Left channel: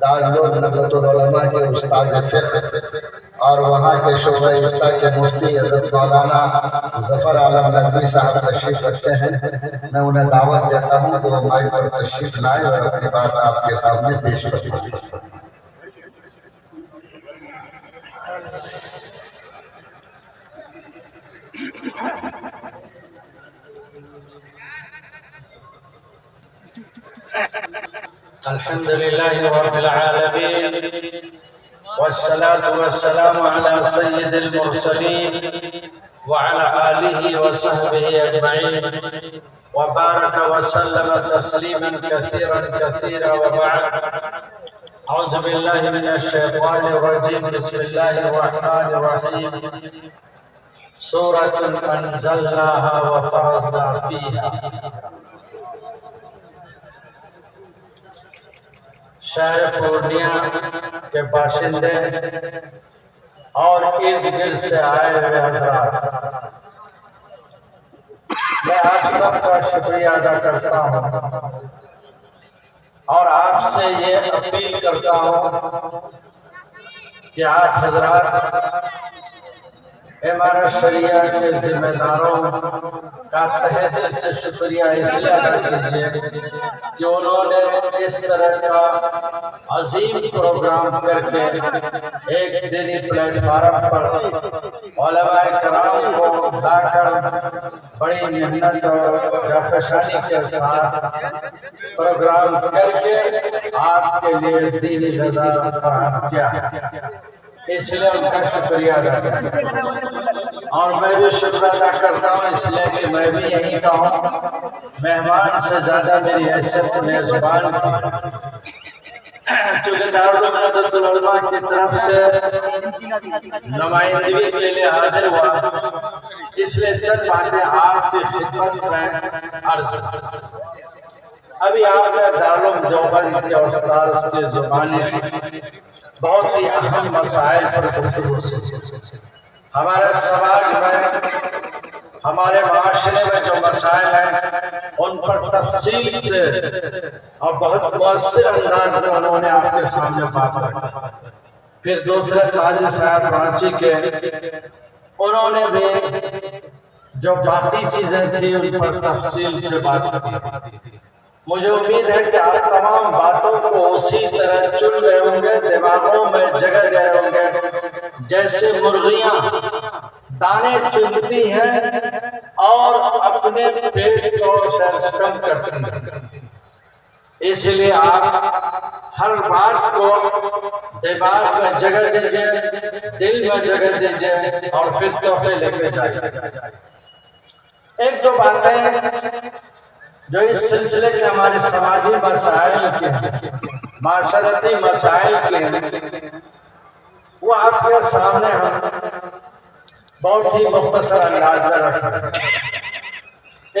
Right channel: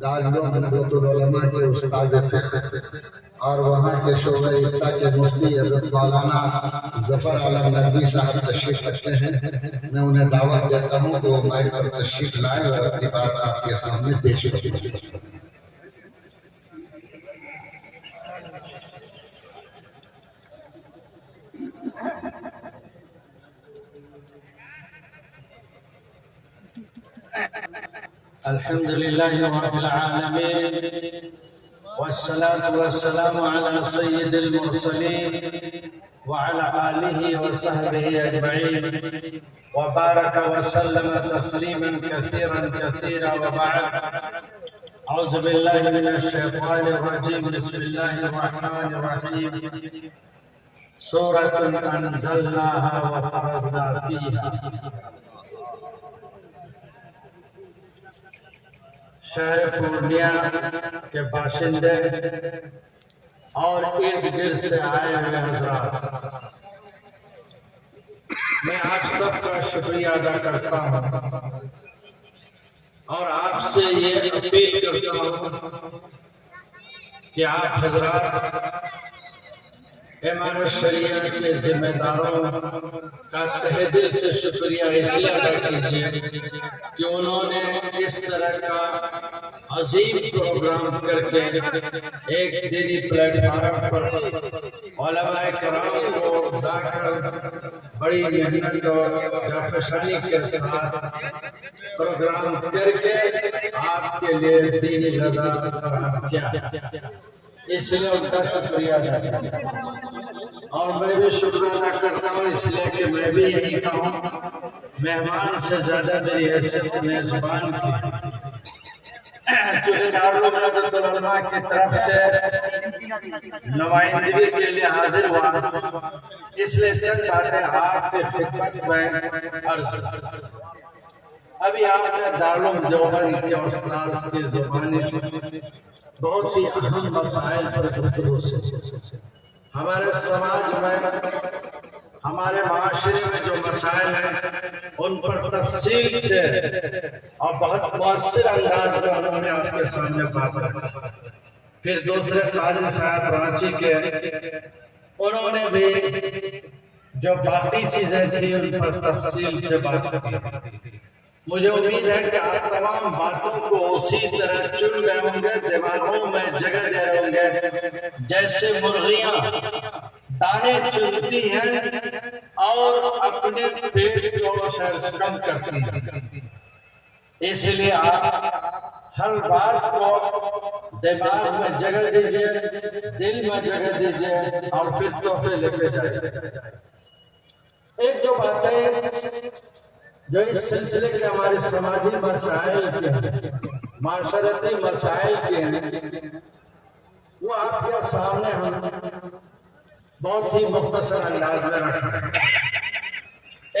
دارالعلوم ندوۃ العلماء کے استاد فقہ اور وہاں کے شعبہ افتاء کے مفتی حضرت مولانا ظفر عالم ندوی صاحب تشریف رکھتے ہیں۔ میں انہیں دعوت دیتا ہوں کہ وہ مائک پر تشریف لائیں اور اپنی بات آپ کے سامنے پیش کریں۔ الحمد لله رب العالمين والصلاة والسلام على سيد المرسلين وعلى آله وصحبه أجمعين وبارك وسلم تسليما كثيرا كثيرا وبعد. أعوذ بالله من الشيطان الرجيم. بسم الله الرحمن الرحيم. سورة أنزلناها وفرضنا فيها. شہر پورنیہ کے باشندے اور ارد گرد سے آئے ہوئے حضرات، میں آپ سب کا شکریہ ادا کرتا ہوں اور آپ سے یہ اپیل کرتا ہوں کہ آپ حضرات امارت شریعہ کے ذمہ داروں کا تہہ دل سے شکریہ اس لیے ادا کیجیے کہ انہوں نے اس طرح کا عظیم پروگرام کر کے ایک دینی پلیٹ فارم پر علماء کرام کو لا کر بڑی محنت اور جافشانی کے ساتھ پروگرام کر کے آپ کے لیے دینی غذا فراہم کیا، اس لیے ان کا شکریہ ادا کرتا ہوں۔ اور میں بھی شکر ادا کرتا ہوں اس لیے کہ میں بھی یہیں کا ہوں، مہمان سے زیادہ میری حیثیت میزبان کی، چونکہ دارالعلوم ندوۃ العلماء کی طرف سے نمائندگی کے لیے حاضر ہوا، اس لیے چند باتیں آپ کی خدمت میں عرض۔ ابھی آپ نے دارالعلوم دیوبند کے استاذ کی زبانی بہت سی اہم مسائل پر گفتگو سے ہمارے سماج میں، ہمارے معاشرے میں جو مسائل ہیں ان پر تفصیل سے اور بہت مؤثر انداز میں انہوں نے آپ کے سامنے بات رکھی۔ پھر دوسرے قاضی صاحب رانچی کے، انہوں نے بھی جو باقی چیزیں تھیں ان پر تفصیل سے بات کی۔ مجھے امید ہے کہ آپ تمام باتوں کو اسی طرح چن رہے ہوں گے، دماغوں میں جگہ دے رہے ہوں گے جیسے مرغیاں دانے چنتی ہیں اور اپنے پیٹ کو کم کرتی ہیں۔ اس لیے آپ ہر بات کو دماغ میں جگہ دیجئے، دل میں جگہ دیجئے اور پھر تحفے لے کے جائیں۔ ایک دو باتیں جو اس سلسلے کے ہمارے سماجی مسائل کے ہیں، معاشرتی مسائل کے ہیں، وہ آپ کے سامنے ہم بہت ہی مختصر انداز میں رکھیں۔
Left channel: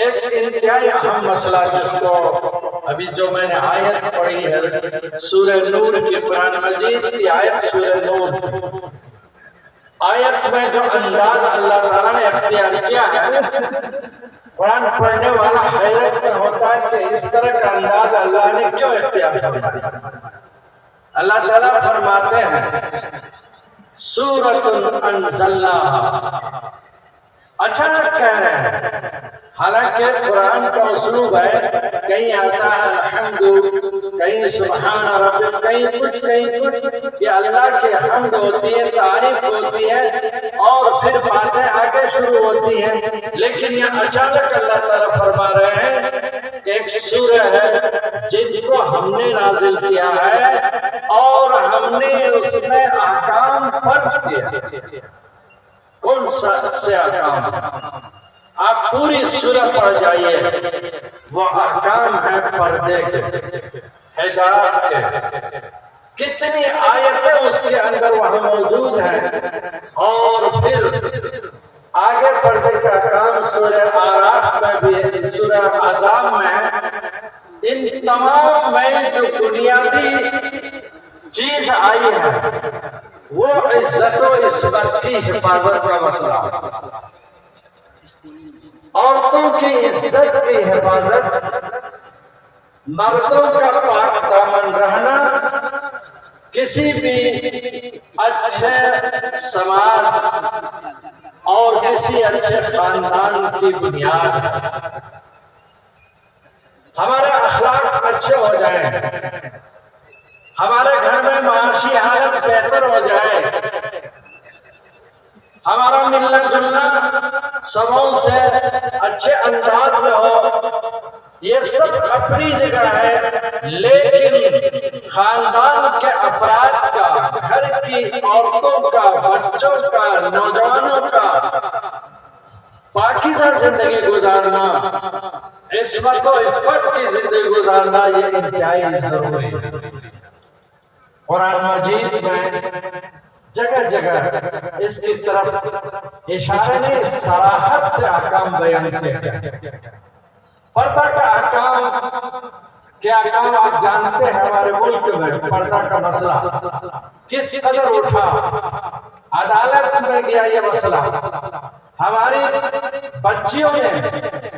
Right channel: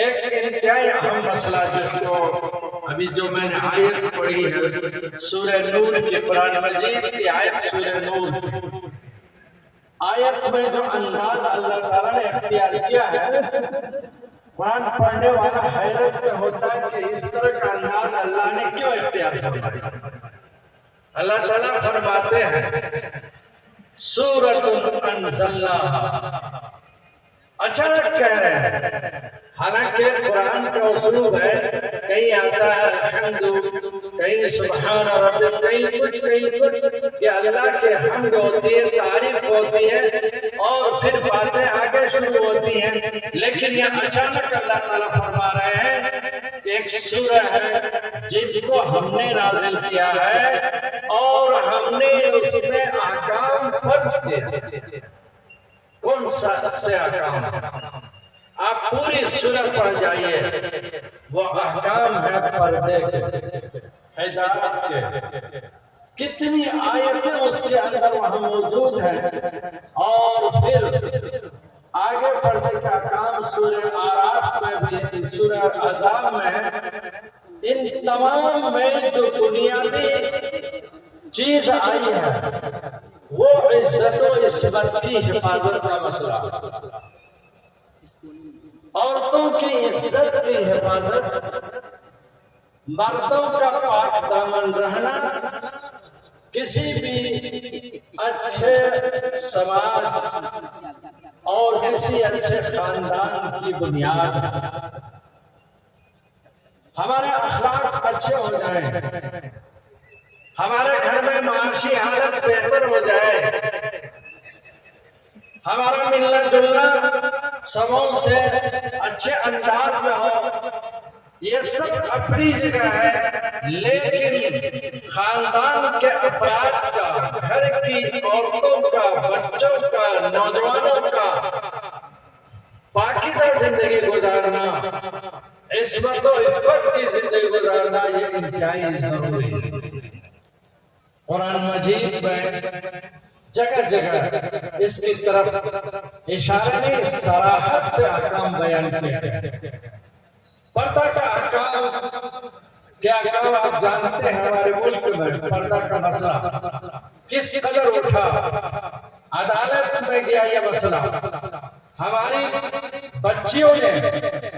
ایک انتہائی اہم مسئلہ جس کو ابھی جو میں نے آیت پڑھی ہے سورہ نور کی، قرآن مجید کی آیت سورہ نور، آیت میں جو انداز اللہ تعالیٰ نے اختیار کیا ہے، قرآن پڑھنے والا حیرت میں ہوتا ہے کہ اس طرح کا انداز اللہ نے کیوں اختیار کیا۔ اللہ تعالیٰ فرماتے ہیں سورۃ انزلناہا، اچانک کہہ رہے ہیں، حالانکہ قرآن کا اسلوب ہے، کہیں آتا ہے الحمد، کہیں سبحان رب، کہیں کچھ، یہ اللہ کی حمد ہوتی ہے، تعریف ہوتی ہے اور پھر باتیں آگے شروع ہوتی ہیں، لیکن یہ اچانک اللہ تعالیٰ فرما رہے ہیں کہ ایک سورہ ہے جن کو ہم نے نازل کیا ہے اور ہم نے اس میں احکام فرض کیا۔ کون سے احکام؟ آپ پوری سورہ پڑھ جائیے، وہ احکام ہیں پردے کے، حجاب کے، کتنی آیتیں اس کے اندر وہاں موجود ہیں۔ اور پھر آگے پردے کے احکام سورہ اعراف میں بھی، سورہ احزاب میں ہے۔ ان تمام میں جو بنیادی چیز آئی ہے وہ عزت و عصمت کی حفاظت کا مسئلہ، عورتوں کی عزت کی حفاظت، مردوں کا پاک دامن رہنا کسی بھی اچھے سماج اور کسی اچھے خاندان کی بنیاد ہمارے اخلاق اچھے ہو جائیں، ہمارے گھر میں معاشی حالت بہتر ہو جائے، ہمارا ملنا جلنا سبوں سے اچھے انداز میں ہو، یہ سب اپنی جگہ ہے، لیکن خاندان کے افراد کا، گھر کی عورتوں کا، بچوں کا، نوجوانوں کا پاکیزہ زندگی گزارنا، عصمت و عفت کی زندگی گزارنا، یہ انتہائی ضروری ہے۔ قرآن مجید میں جگہ جگہ اس کی طرف اشارہ نے صراحت سے احکام بیان کیا۔ پردہ کا احکام کیا احکام آپ جانتے ہیں؟ ہمارے ملک میں پردہ کا مسئلہ کس قدر اٹھا، عدالت میں گیا یہ مسئلہ۔ ہماری بچیوں نے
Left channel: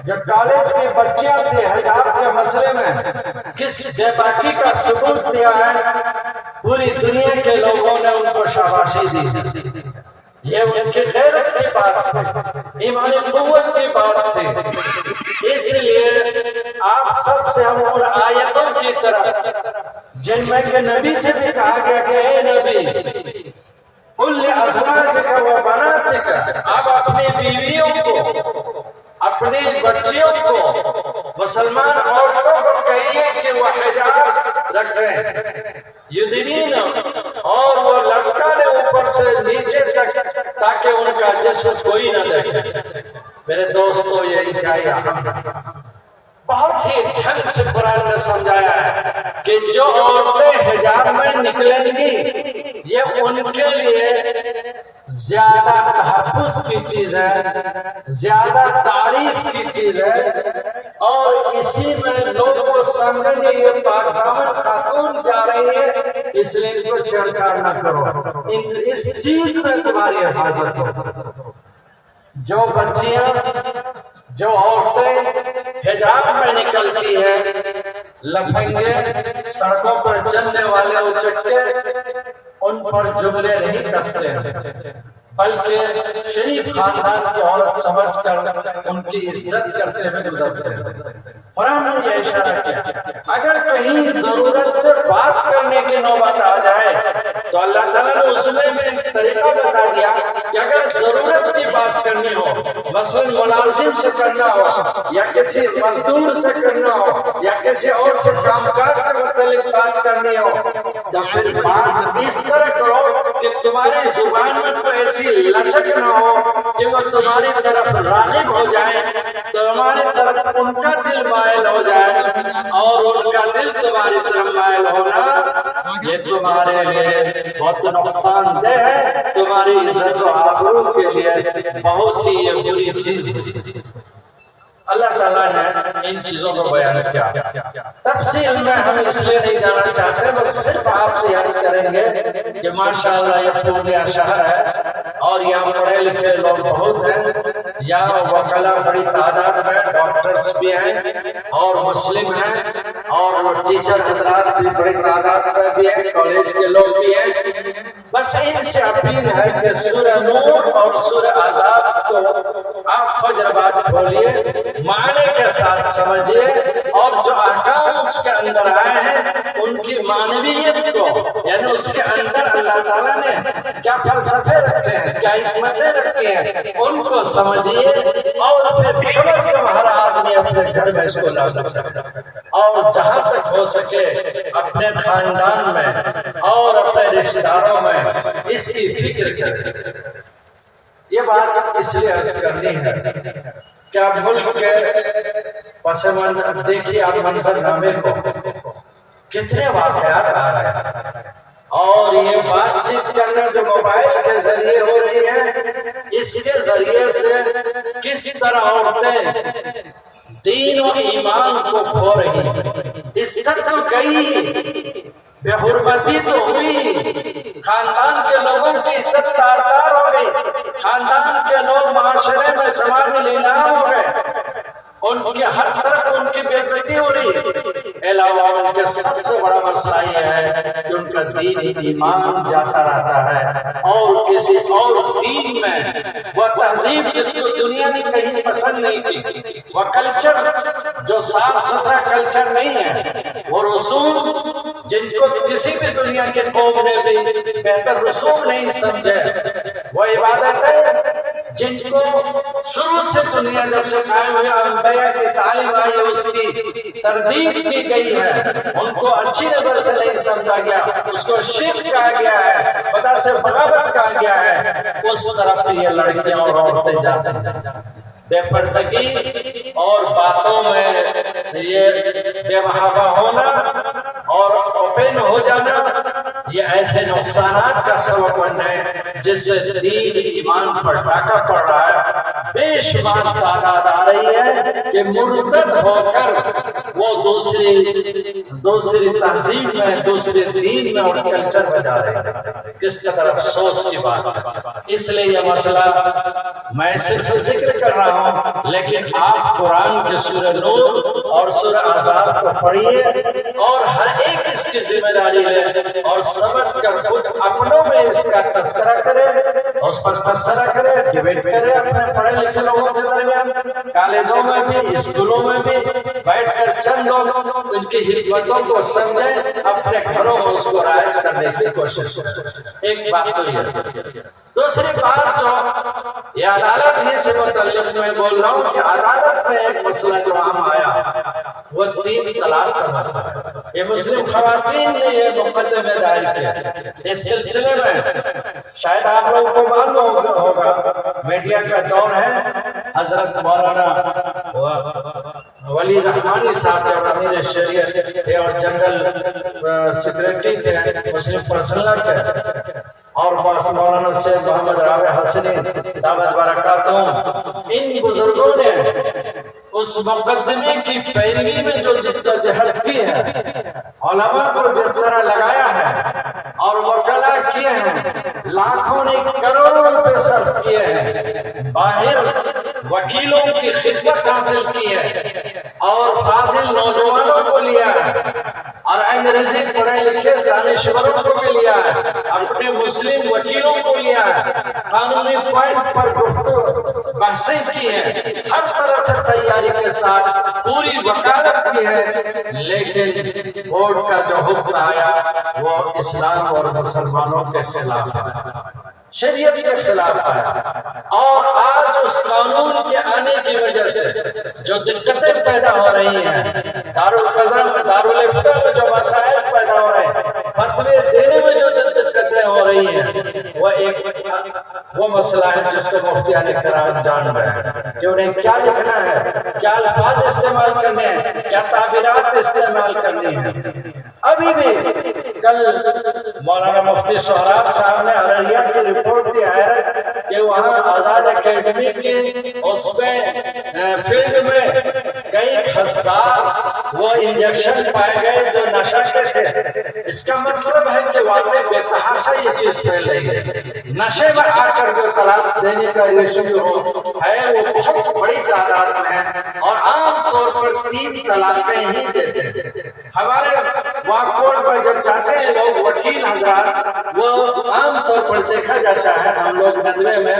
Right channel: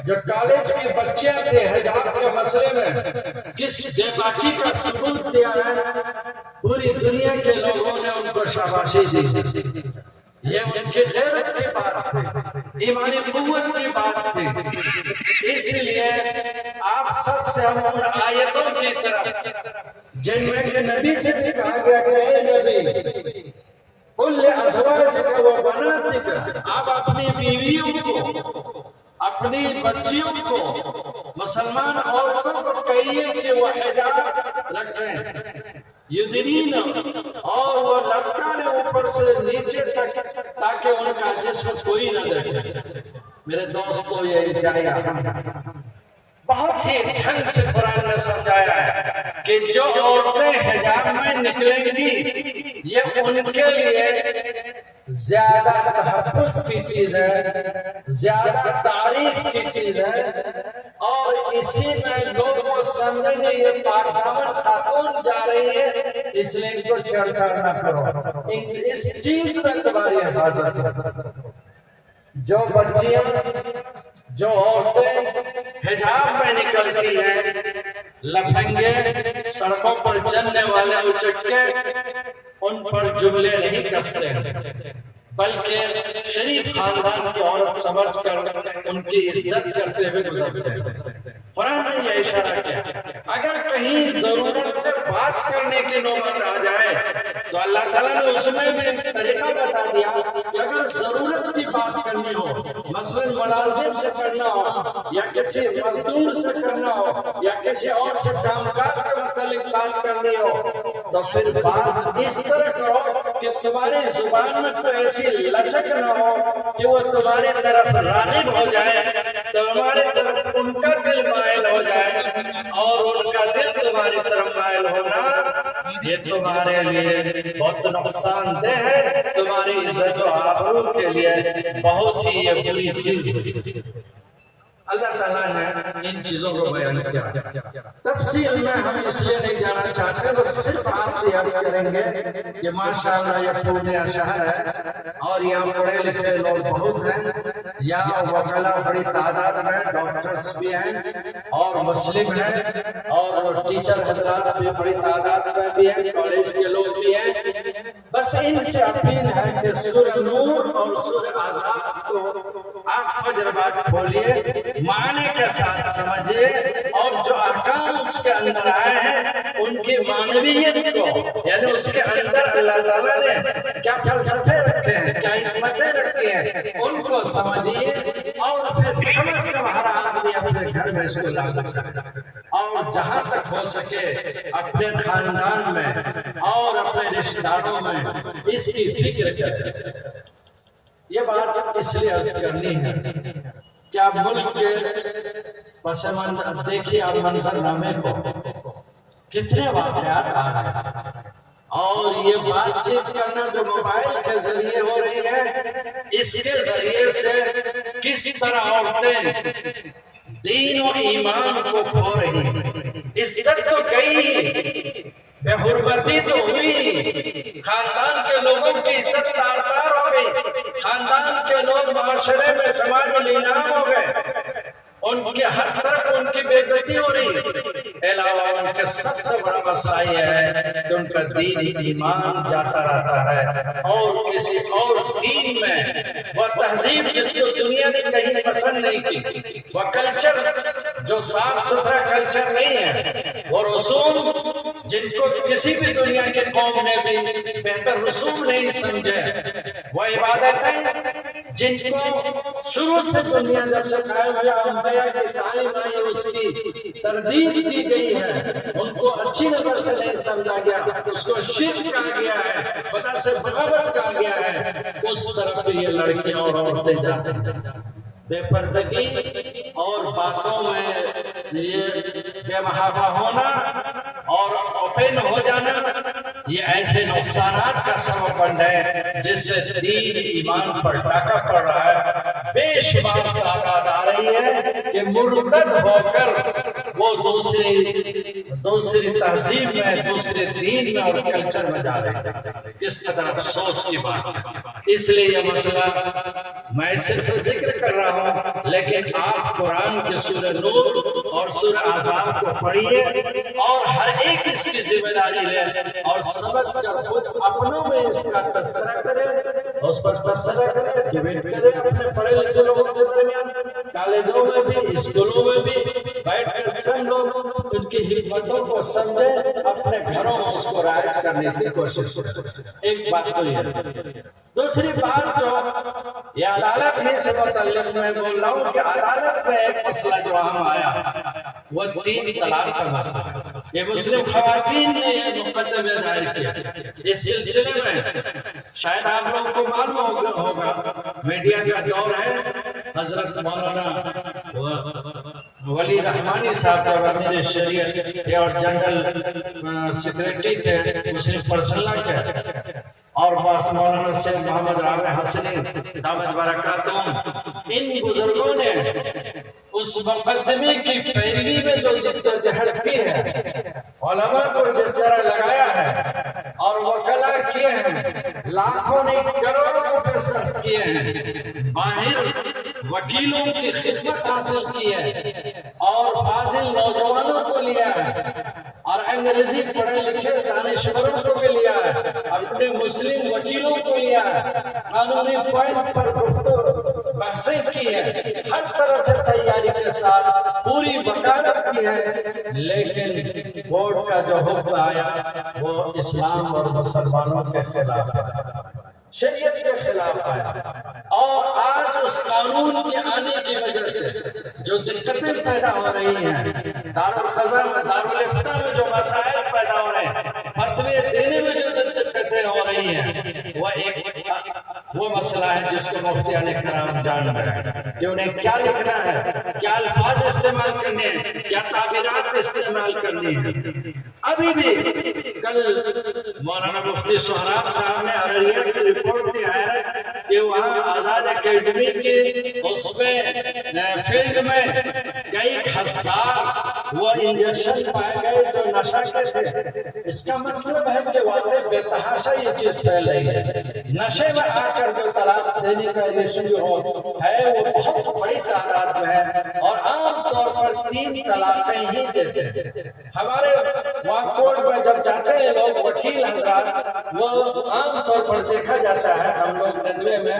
جو کالج کی بچیاں تھے حجاب کے مسئلے میں کس بے باکی کا ثبوت دیا ہے، پوری دنیا کے لوگوں نے ان کو شاباشی دی۔ یہ ان کی غیرت کی بات تھی، ایمانی قوت کی بات تھی۔ اس لیے آپ سب سے ہم ان آیتوں کی طرح جن میں کہ نبی سے بھی کہا گیا کہ اے نبی قل لأزواجک وبناتک، آپ اپنی بیویوں کو، اپنی بچیوں کو، مسلمان عورتوں کو کہیے کہ وہ حجاب رکھیں، یدنین، اور وہ لٹکا لے اوپر سے نیچے تک تاکہ ان کا جسم کوئی نہ دیکھے۔ میرے دوستو یہ انتہائی اہم ہے، بہت ہی ڈھنگ سے قرآن نے سمجھایا ہے کہ جو عورتیں حجاب میں نکلیں گی یہ ان کے لیے زیادہ تحفظ کی چیز ہے، زیادہ تعریف کی چیز ہے، اور اسی میں لوگ کو سمجھیں گے یہ پاک دامن خاتون جا رہی ہے، اس لیے ان کو چھیڑچھاڑ نہ کرو، اس چیز میں تمہاری حفاظت ہو۔ جو بچیاں، جو عورتیں حجاب میں نکلتی ہے، لفنگے سڑکوں پر چلنے والے اچکے ان پر جملے نہیں کستے، بلکہ شریف خاندان کی عورت سمجھ کر ان کی عزت کرتے ہوئے گزرتے ہیں۔ قرآن نے یہ اشارہ کیا، اگر کہیں ضرورت سے بات کرنے کی نوبت آ جائے تو اللہ تعالیٰ نے اس میں بھی طریقہ بتا دیا کہ اگر ضرورت کی بات کرنی ہو، مثلا ملازم سے کرنا ہو، یا کسی مزدور سے کرنا ہو، یا کسی اور سے کام کاج کے متعلق بات کرنی ہو، تو پھر بات اس طرح کرو کہ تمہاری زبان میں تو ایسی لچک نہ ہو کہ وہ تمہاری طرف راغب ہو جائے، تمہاری طرف ان کا دل مائل ہو جائے، اور ان کا دل تمہاری طرف مائل ہونا یہ تمہارے لیے بہت نقصان دہ ہے، تمہاری عزت و آبرو کے لیے بہت ہی یہ بری چیز ہے۔ اللہ تعالیٰ نے ان چیزوں کو بیان کیا۔ تفصیل میں ہم اس لیے نہیں جانا چاہتے، بس صرف آپ سے یاد کریں گے کہ ماشاءاللہ یہ پورنیہ شہر ہے اور یہاں پڑھے لکھے لوگ بہت ہیں، یہاں وکلا بڑی تعداد میں، ڈاکٹرز بھی ہیں اور مسلم ہیں، اور ٹیچر حضرات بھی بڑی تعداد میں بھی ہیں، کالج کے لوگ بھی ہیں۔ بس ان سے اپیل ہے کہ سورہ نور اور سورہ احزاب کو آپ فجر بعد کھولیے، معنی کے ساتھ سمجھیے، اور جو احکام اس کے اندر آئے ہیں ان کی معنویت کو، یعنی اس کے اندر اللہ تعالیٰ نے کیا فلسفے رکھے ہیں، کیا حکمتیں رکھی ہیں، ان کو سمجھیے، اور پھر کم از کم ہر آدمی اپنے گھر میں اس کو لاگو کرے، اور جہاں تک ہو سکے اپنے خاندان میں اور اپنے رشتہ داروں میں اس کی فکر کرے۔ یہ بات اس لیے عرض کرنی ہے کہ آپ ملک کے پس منظر دیکھیے، آپ منظر نامے کو کتنے واقعات آ رہے ہیں، اور یہ بات چیت کرنا جو موبائل کے ذریعے ہو رہی ہے، اس کے ذریعے سے کس طرح عورتیں دین و ایمان کو کھو رہی ہیں، عزت تو گئی، بے حرمتی تو ہوئی، خاندان کے لوگوں کی عزت تار تار ہو گئی، خاندان کے لوگ معاشرے میں سماج میں لینا ہو گئے، ان کی ہر طرف ان کی بے عزتی ہو رہی ہے۔ علاوہ ان کے سب سے بڑا مسئلہ یہ ہے کہ ان کا دین ایمان جاتا رہتا ہے، اور کسی اور دین میں وہ تہذیب جس کو دنیا نے کہیں پسند نہیں کی، وہ کلچر جو صاف ستھرا کلچر نہیں ہے، وہ رسوم جن کو کسی بھی دنیا کے قوم نے بھی بہتر رسوم نہیں سمجھے، وہ عبادتیں جن کو شروع سے دنیا جب سے قائم ہوئی انبیاء کی تعلیم آئی اس کی تردید کی گئی ہے، ان کو اچھی نظر سے نہیں سمجھا گیا، اس کو شرک کہا گیا ہے، خدا سے بغاوت کہا گیا ہے، اس طرف یہ لڑکیاں اور عورتیں جاتی ہیں۔ بے پردگی اور باتوں میں یہ بے محابہ ہونا اور اوپن ہو جانا، یہ ایسے نقصانات کا سبب بن ہے جس سے دین ایمان پر ڈاکہ پڑ رہا ہے۔ بے شمار تعداد آ رہی ہے کہ مرتد ہو کر وہ دوسری تہذیب میں، دوسرے دین میں اور کلچر میں جا رہے ہیں۔ کس قدر افسوس کی بات ہے۔ اس لیے یہ مسئلہ میں صرف ذکر کر رہا ہوں، لیکن آپ قرآن کے سورہ نور اور سورہ احزاب کو پڑھیے اور ہر ایک اس کی ذمہ داری لے اور سمجھ کر خود اپنوں میں اس کا تذکرہ کرے، اس پر تبصرہ کرے، ڈیبیٹ کرے اپنے پڑھے لکھے لوگوں کے درمیان، کالجوں میں بھی، اسکولوں میں بھی بیٹھ کر چند لوگ ان کی حکمتوں کو سمجھیں، اپنے گھروں میں اس کو رائج کرنے کی کوشش کریں۔ ایک بات تو یہ، دوسری بات جو یہ عدالت ہی سے متعلق میں بول رہا ہوں کہ عدالت میں ایک مسئلہ جو عام آیا وہ 3 طلاق کا مسئلہ ہے۔ یہ مسلم خواتین نے یہ مقدمہ دائر کیا۔ اس سلسلے میں شاید آپ لوگوں کو معلوم ہوگا، میڈیا کا دور ہے، حضرت مولانا ولی رحمانی صاحب جب امیر شریعت تھے اور جنرل سیکریٹری تھے مسلم پرسنل تھے، اور مولانا شیخ محمد رابع حسنی دامت برکاتہم، ان بزرگوں نے اس مقدمے کی پیروی میں جو جدوجہد کی ہے، علماء کو جس طرح لگایا ہے اور وکلا کیے ہیں، لاکھوں نے کروڑوں روپے صرف کیے ہیں، باہر وکیلوں کی خدمت حاصل کی ہے اور فاضل نوجوانوں کو لیا ہے اور انگریزی پڑھے لکھے دانشوروں کو بھی لیا ہے، اپنے مسلم وکیلوں کو لیا ہے، قانونی پوائنٹ پر بحثیں کی ہے، ہر طرح سے تیاری کے ساتھ پوری وکالت کی ہے، لیکن کورٹ کا جو حکم آیا وہ اسلام اور مسلمانوں کے خلاف ہے، شریعت کے خلاف ہے۔ اور آج اس قانون کے آنے کی وجہ سے جو دقتیں پیدا ہو رہی ہیں، دارالقضاء میں، دارالفتہ میں جو مسائل پیدا ہو رہے ہیں، فتوے دینے میں جو دقتیں ہو رہی ہیں، وہ مسئلہ ہے جس سے مفتیان کرام جان رہے ہیں کہ انہیں کیا لکھنا ہے، کیا الفاظ استعمال کرنے ہیں، کیا تعبیرات استعمال کرنی ہیں۔ ابھی بھی کل مولانا مفتی سہراب صاحب نے ارریہ کی رپورٹ دی ہے کہ وہاں آزاد اکیڈمی کی اس میں فیلڈ میں کئی ہزار وہ انجیکشن پائے گئے جو نشہ کے تھے۔ اس کا مطلب ہے کہ واقعی بے تحاشا یہ چیز پھیل رہی ہے۔ نشے میں آ کر جو طلاق دینے کا ریشیو ہے وہ بہت بڑی تعداد میں ہے اور عام طور پر 3 طلاقیں ہی دیتے ہیں۔ ہمارے وہاں کورٹ پر جب جاتے ہیں لوگ وکیل حضرات، وہ عام طور پر دیکھا جاتا ہے، ہم لوگ ندوے میں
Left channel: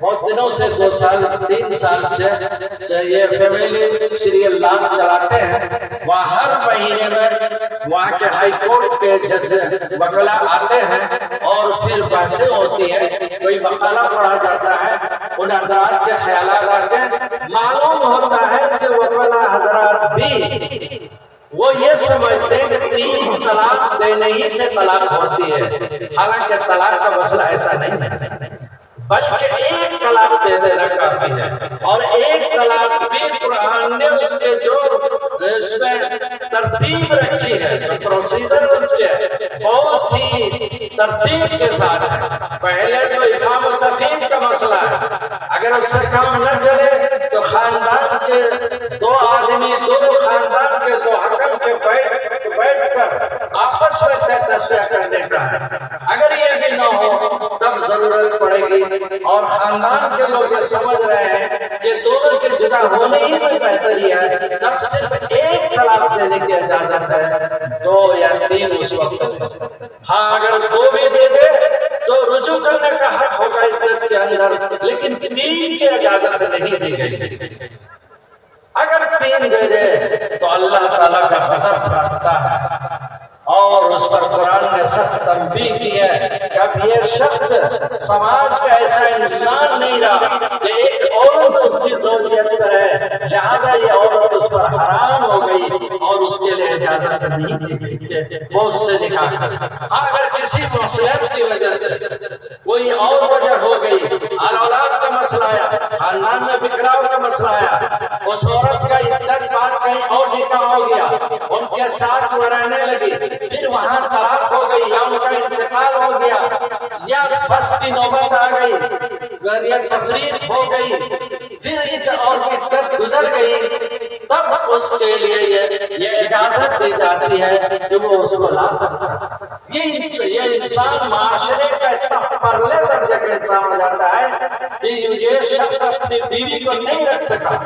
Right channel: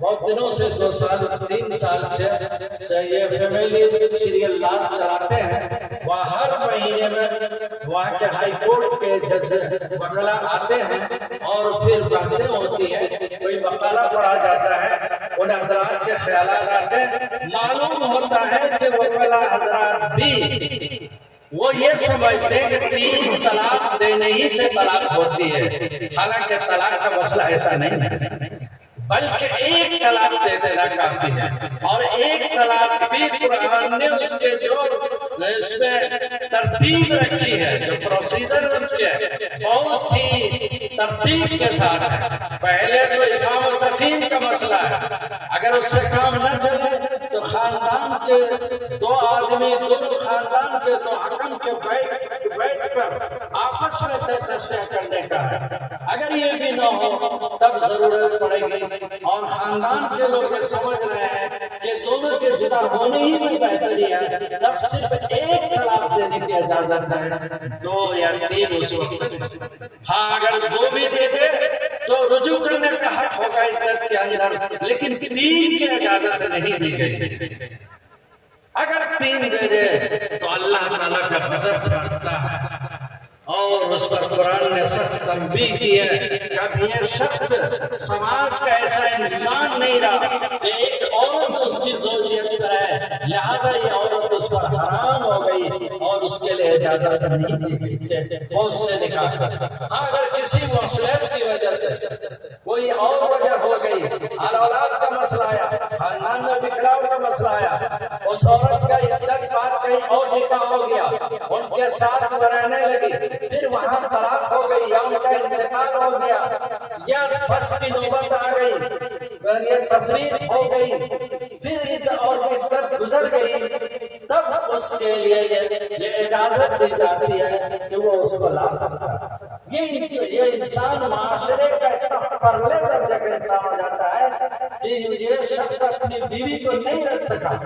بہت دنوں سے 2 سال 3 سال سے یہ فیملی سیریل نام چلاتے ہیں، وہاں ہر مہینے میں وہاں کے ہائی کورٹ کے جج وکلا آتے ہیں اور پھر بحثیں ہوتی ہیں، کوئی وکلا پڑھا جاتا ہے، ان حضرات کے خیالات آتے ہیں، معلوم ہوتا ہے کہ وکلا حضرات بھی وہ یہ سمجھتے ہیں کہ 3 طلاق دینے ہی سے طلاق ہوتی ہے، حالانکہ طلاق کا مسئلہ ایسا نہیں ہے، بلکہ 1 طلاق دے دینا کافی ہے، اور 1 طلاق بھی قرآن نے اس کے جو اس میں ترتیب رکھی ہے، جو پروسیجر رکھی ہے، بہت ہی ترتیب کے ساتھ ہے۔ پہلے تو اقام و تقیم کا مسئلہ ہے، اگر اس سے کام نہ چلے تو خاندان کے 2 آدمی، دونوں خاندان کے 2 حکم کے بیٹھ کر آپ آپس میں تصفیہ کرنے کا ہے۔ اگر یہ بھی نہ ہو تب ضرورت پڑے گی، اور خاندان کے لوگ یہ سمجھ رہے ہیں کہ دونوں کے جدا ہونے ہی میں بہتری ہے، تب صرف ایک طلاق دینے کی اجازت ہے، 2 یا 3 اس وقت۔ ہاں اگر 2 بھی دے دے تو رجوع کرنے کا حق ہوگا عدت کے اندر، لیکن 3 کی اجازت نہیں دی گئی۔ اگر 3 دے دے تو اللہ تعالیٰ کا غضب برستا ہے، اور اس پر قرآن نے سخت تنبیہ کی ہے کہ اب یہ شخص سماج کا ایسا انسان نہیں رہا کہ ایک عورت اس کی زوجیت کرے، لہذا یہ عورت اس پر حرام ہو گئی اور اس کے لیے اجازت نہیں دی گئی کہ وہ اس سے نکاح کرے۔ اگر کسی مصلحت کی وجہ سے کوئی اور وجہ ہو گئی، اولاد کا مسئلہ آیا، خاندان میں بکھراؤ کا مسئلہ آیا، اس عورت کا عدت بعد کہیں اور نکاح ہو گیا، ان کے ساتھ وہ رہنے لگی، پھر وہاں طلاق ہو گئی یا ان کا انتقال ہو گیا یا پھنس کی نوبت آ گئی یا تفریق ہو گئی، پھر عدت گزر گئی، تب اس کے لیے یہ اجازت دی جاتی ہے کہ وہ اس کو لا سکتا ہے۔ یہ انسان معاشرے کا اتنا پرلے درجے کا انسان ہو جاتا ہے کہ یہ شخص اپنی بیوی کو نہیں رکھ سکا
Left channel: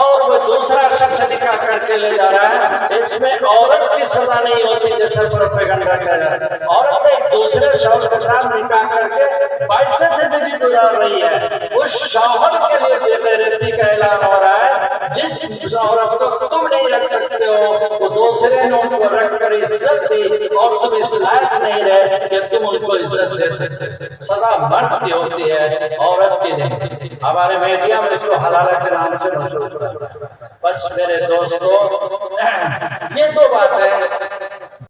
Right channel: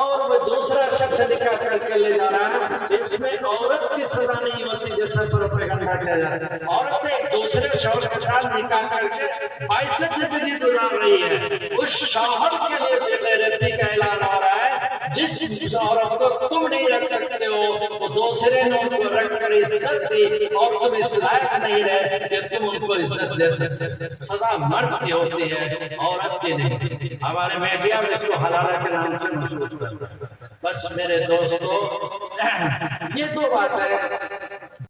اور وہ دوسرا شخص نکاح کر کے لے جا رہا ہے، اس میں عورت کی سزا نہیں ہوتی جیسے پروپیگنڈا کیا جاتا ہے۔ عورت ایک دوسرے شوہر کے ساتھ نکاح کر کے 22 زندگی گزار رہی ہے، اس شوہر کے لیے بے غیرتی کا اعلان ہو رہا ہے، جس عورت کو تم نہیں رکھ سکتے ہو وہ دوسرے نے ان کو رکھ کر عزت دی اور تم اس لائق نہیں رہے کہ تم ان کو عزت دے سکتے۔ سزا مرد کی ہوتی ہے، عورت کی نہیں۔ ہمارے میڈیا میں اس کو حلالہ کے نام سے مشہور ہے۔ بس میرے دوستو، یہ 2 باتیں